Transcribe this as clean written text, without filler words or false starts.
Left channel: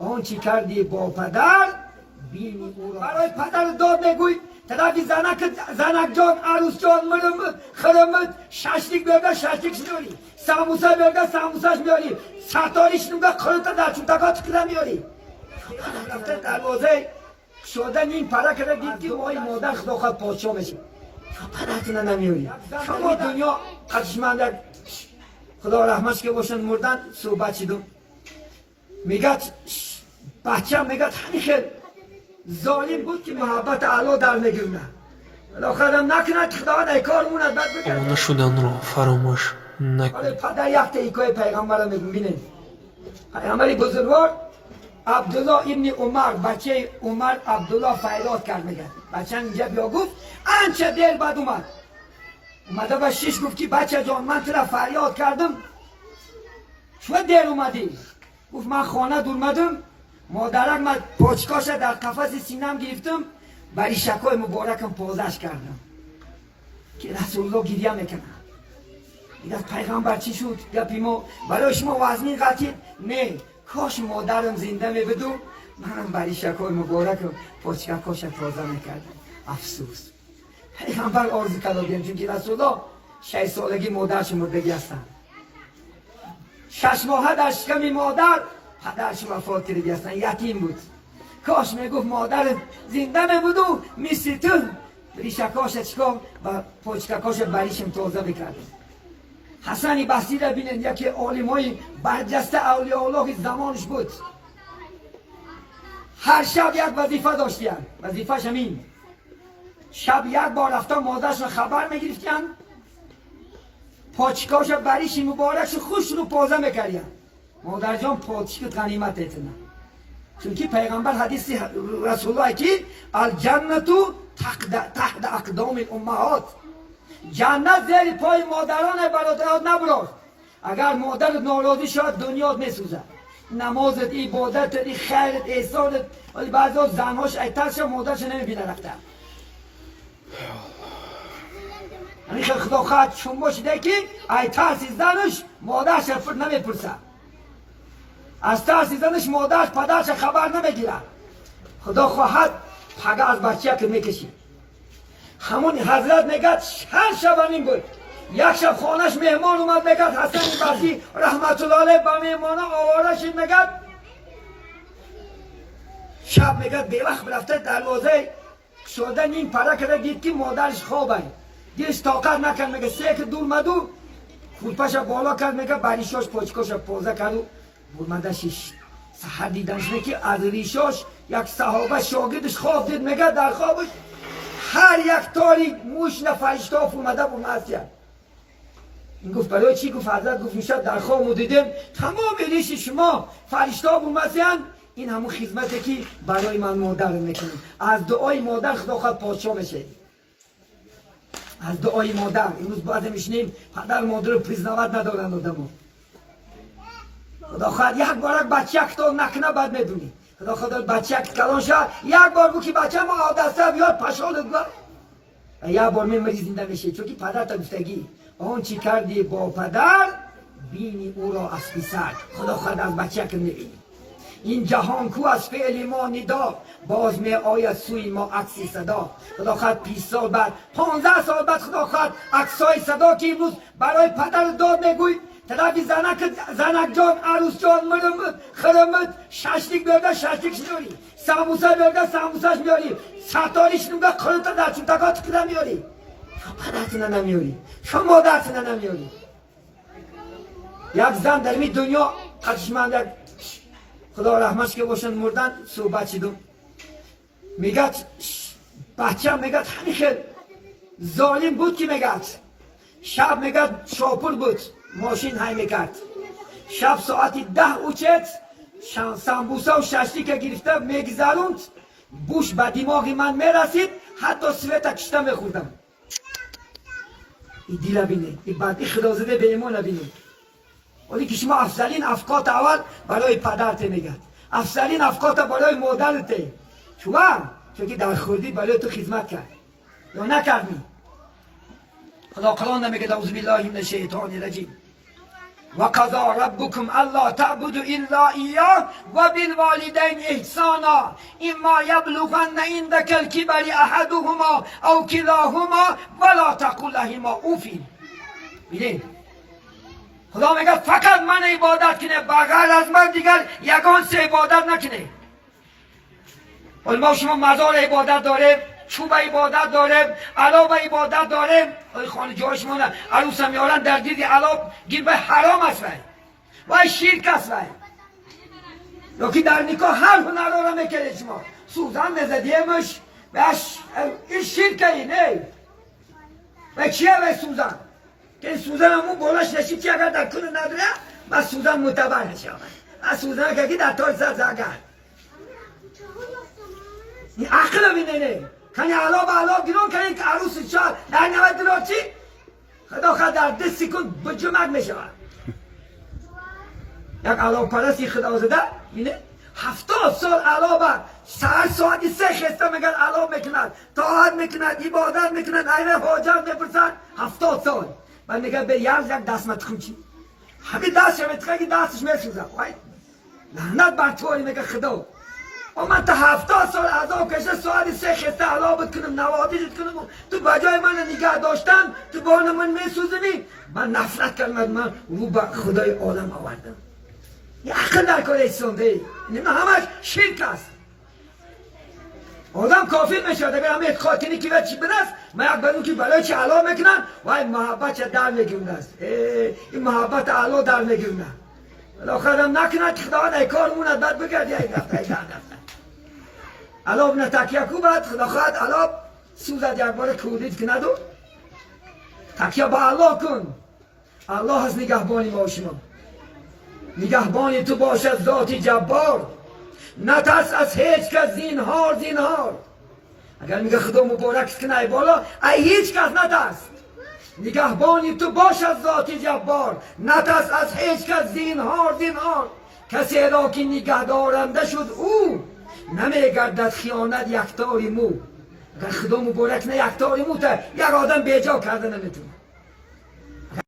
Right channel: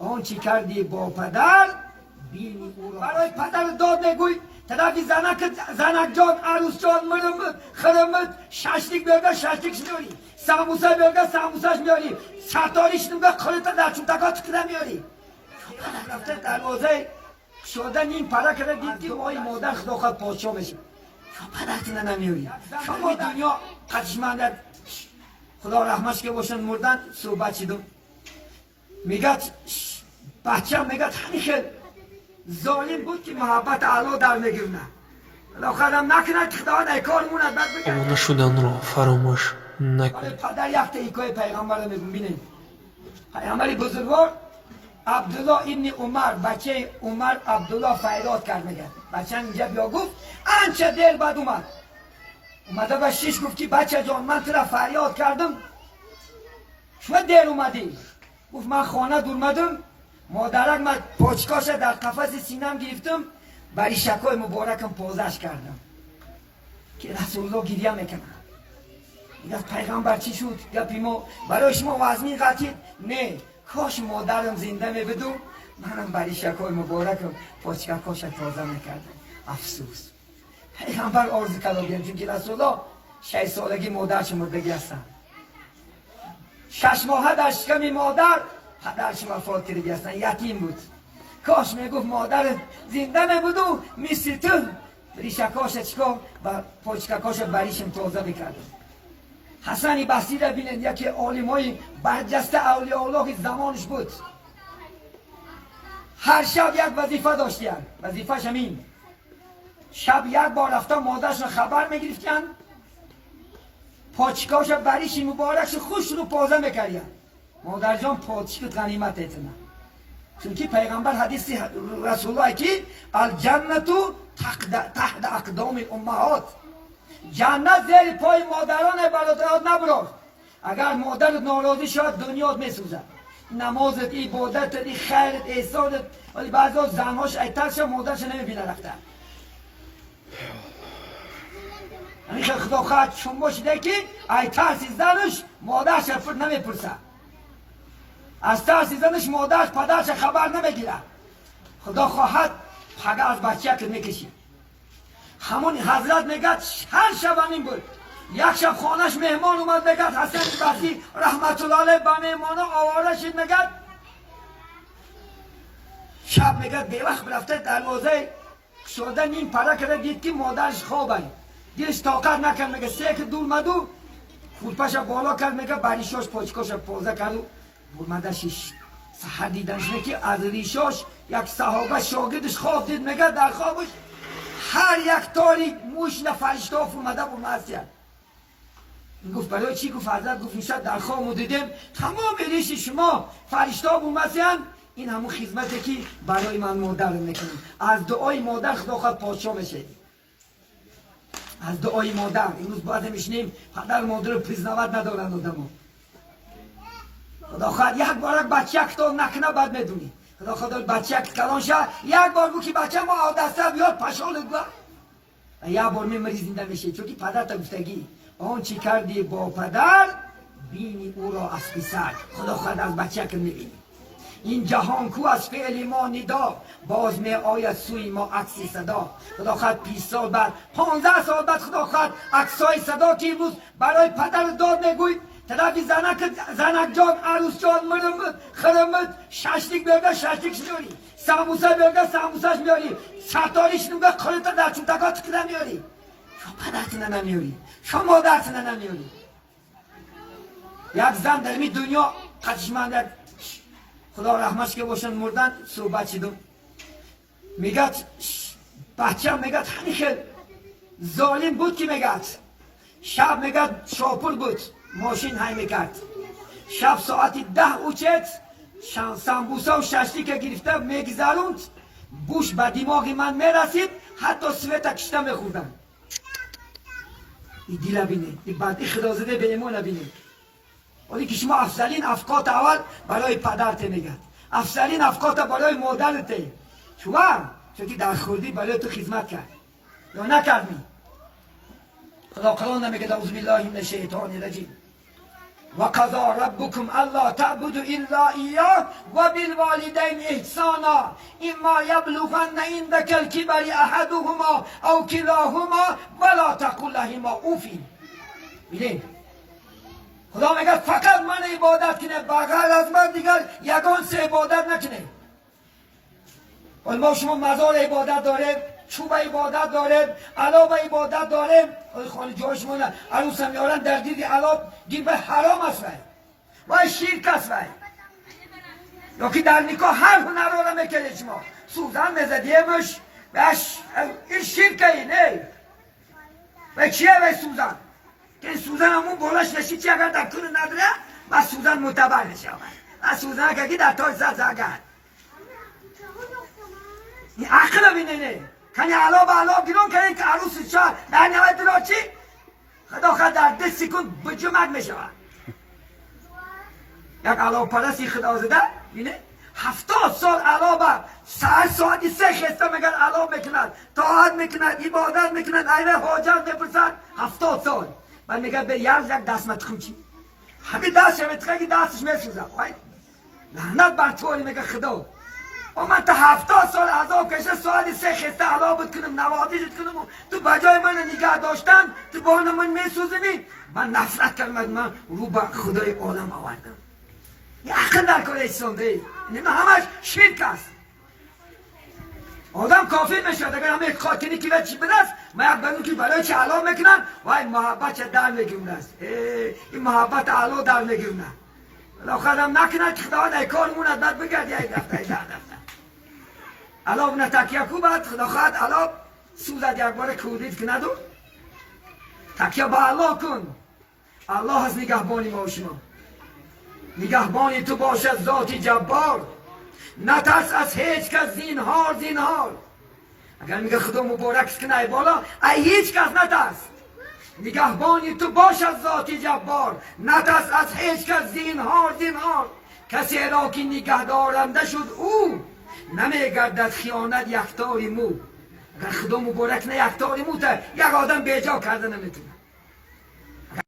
آنچه کردی با پدر بینی او را. برای پدر داد نگوی طرفی زنک جان عروس جان خرمت ششلیک بگه ششلیک میاری ساموسه بگه ساموسهش میاری شطاریش نگه خلطه در چوتکات کده میاری رفته دروازه شدن این پره کرده دید که اوی مادر خدا خواهد پادشاه میشه پدر کنه نمیاری شما دنیا قدشمند خدا رحمتش که باشن مردن صحبت شدن میگه بچه هم میگه همیشه ظالم بود که محبت اعلا در نگیرونه آخرم نکنه که خدا نیکار مونه آمانه شدن را فراموش نکنید. پدر یک طریقه پیغمبر رو میبینه پیغمبر بزرگوار عبدالله ابن عمر بچه عمر عبدالله فریاد کرد میگه بچه اینجا بیا گفت آنچه دیر بعد اومده با شیش گفت که بچه جان من تو را فریاد کردم چون دیر اومدی گفت من خانه دور اومدم مادرم من پوچکاش در قفس سینم گرفتم ولی شکای مبارکم پازش کردم که رسول الله گریه میکنه میگه پیغمبر چی شد یا پیمو برای شما وزنی قطید نه کاش مادرم زنده میبدو منم برای شکای مبارکم پوچکاش تازه میکردم افسوس پیغمبر آرزو کرده بیم چون که رسول الله 6 سالگی مادرش مردگی هستن 6 ماه در شکم مادر پدرش وفات کرده هستن یتیم بود کاش میگفت مادر زنده نبود و مثل تو ریشکاش اسلام و پوچکاش بریشم تازه بکرد حسن بصری را بینید یکی عالمای برجسته اولیاء الله زمانش بود هر شب یک وظیفه داشت بیاد وظیفهش همین شب یک بار رفتن مادرش خبر میگرفتن پاچکاش بریش مبارکش خوش رو پازه میکردن مادر جان پاچک غنیمت اعتنا چونکه پیغمبر حدیث رسول الله که الجنتو تحت اقدام امهات جنت زیر پای مادران برادرات نبرد اگر مادر ناراضی شد دنیا میسوزد نمازت عبادت خیرت احسانت ولی بعضی زنهاش ایترش مادرش نمیبینه رفته همیشه خدا خواهد چون باشده که ایترسی زنش مادرش نمیپرسد از ترسی زنش مادرش پدرش خبر نمیگیره خدا خواهد پدر از بچه که میکشید همون حضرت میگه هر شب همین بود یک شب خانش مهمان اومد میگه حسن بصری رحمت الله علیه با مهمانا آواره شد میگه شب میگه بی وقت رفته دروازه شدن این پره کرده دید که مادرش خوابه دیست طاقت نکرد میگه 3 که دور مدو خودپش بالا کرد میگه بریشاش پاچکاش پازه کرد اومده شیش سحر دیدنش میگه از ریشاش یک صحابه شاگردش خواب دید میگه در خوابش هر یک تاری موش فرشته اومده بود مسیح گفت برای چی گفت حضرت گفت میشد در خواب دیدیم تمام ریش شما فرشته اومدن این همون خدمتی که برای من مادر میکنه از دعای مادر خدا خواهد پادشاه میشه از دعای مادر امروز باید میشنیم پدر مادر رو پریزنوت ندارن آدمو خدا خواهد یک بار بچه یک تا نکنه باید میدونی خدا خواهد بچه یک کلان شد یک بار گو که بچه ما آدسته بیاد پشانت بلا و یک بار میمری زنده میشه چون که پدر تبستگی آنچه کردی با پدر بینی او را از پسر خدا خواهد از بچه که میبینی این جهان کو از فعل ما ندا باز می آید سوی ما عکس صدا خدا خواهد 20 سال بعد 15 سال بعد خدا خواهد عکسای صدا که امروز برای پدر داد نگوید طرفی زنک جان عروس جان خرمت ششلیک بگه ششلیک میاری ساموسه بگه ساموسهش میاری شطاریش نگه خلطه در چوتکات کده میاری پدرتونه نمیاری شما مادرتونه نمیاری یک زن در این دنیا قدشمند خدا رحمتش که باشن مردن صحبت شدن میگه بچه هم میگه همیشه ظالم بود که میگه شب میگه شاپور بود ماشین های میکرد شب ساعتی 10 اوچت سامبوسه و ششلی که گرفته میگذروند بوش به دماغی من میرسید حتی سویت کشته میخوردم این دیره بینید این بعد خدا زده به ایمان بینید ولی که شما افضلین افقات اول برای پدرت نگه افضلین افقات برای مادرت شما چون که در خوردی برای تو خدمت کرد یا نکردی خدا قرآن نمیگه اعوذ بالله من الشیطان الرجیم و قضا ربکم الا تعبدوا الا ایاه و بالوالدین إحسانا إما يبلغن عندك الكبر أحدهما أو كلاهما فلا تقل لهما أوف. خدا میگه فقط من عبادت کنه، بغیر از من دیگر یگان سه عبادت نکنه. ما شما مزار عبادت داره، چوب عبادت داره، علاب عبادت داره. خانه جای شما عروس هم میارن در دید علاب گیر به حرام است و شرک است. یکی در نیکا هر هنر رو میکنه شما سوزن بزدیمش بش این شرک اینه و چیه به سوزن که این سوزن همون بولش نشی چیه اگر در طول نداره و سوزن متبر نشی و سوزن که در تاج زد زکر این عقل بینه کنی علا بیرون کنی که عروس چار در نمید رو چی خدا خدا در 10 سکند به جمعت میشه یک علا پرستی خدا زده بینه 70 سال علا بر ساعتی 3 حصه میگن علا میکنن طاعت میکنن عبادت میکنن عین حاجت میپرسن 70 سال و میگه به یک دستمت خون چی همین دست میتخه که دستش میسوزن لعنت بر تو میگه خدا و من تا 70 سال عذاب کشه ساعتی 3 حصه علا بکنم نوازیت کنم تو بجای من نگه داشتن تو بان من میسوزنی من نفرت کردم من رو به خدای عالم آوردم یه عقل در کار اسلام دهی این همش شرک است آدم کافی میشد اگر همه خاطینی که چی بدست من یک بدون که برای چی علا میکنن و این محبت چه در نگیرون است این محبت علا در نگیرون الاخر هم نکنه که خدا ای کار موند بر بگرد یا این دفته علا نتکیه کو بد خدا خواهد علا سوزد یک بار کودید که ندو تکیه با الله کن الله هست نگهبانی ما شما نگهبانی تو باشد ذاتی جبار نترس از هیچ کس زینهار اگر میگه خدا مبارک کنه بالا ای هیچ کس نترس نگهبانی تو باشد ذاتی جبار نترس از هیچ کس زینهار کسی را که نگه دارنده شد او نمیگردد خیانت یکتاری مو اگر خدا مبارک نه یکتاری مو تا یک آدم بیجا کرده نمیتونه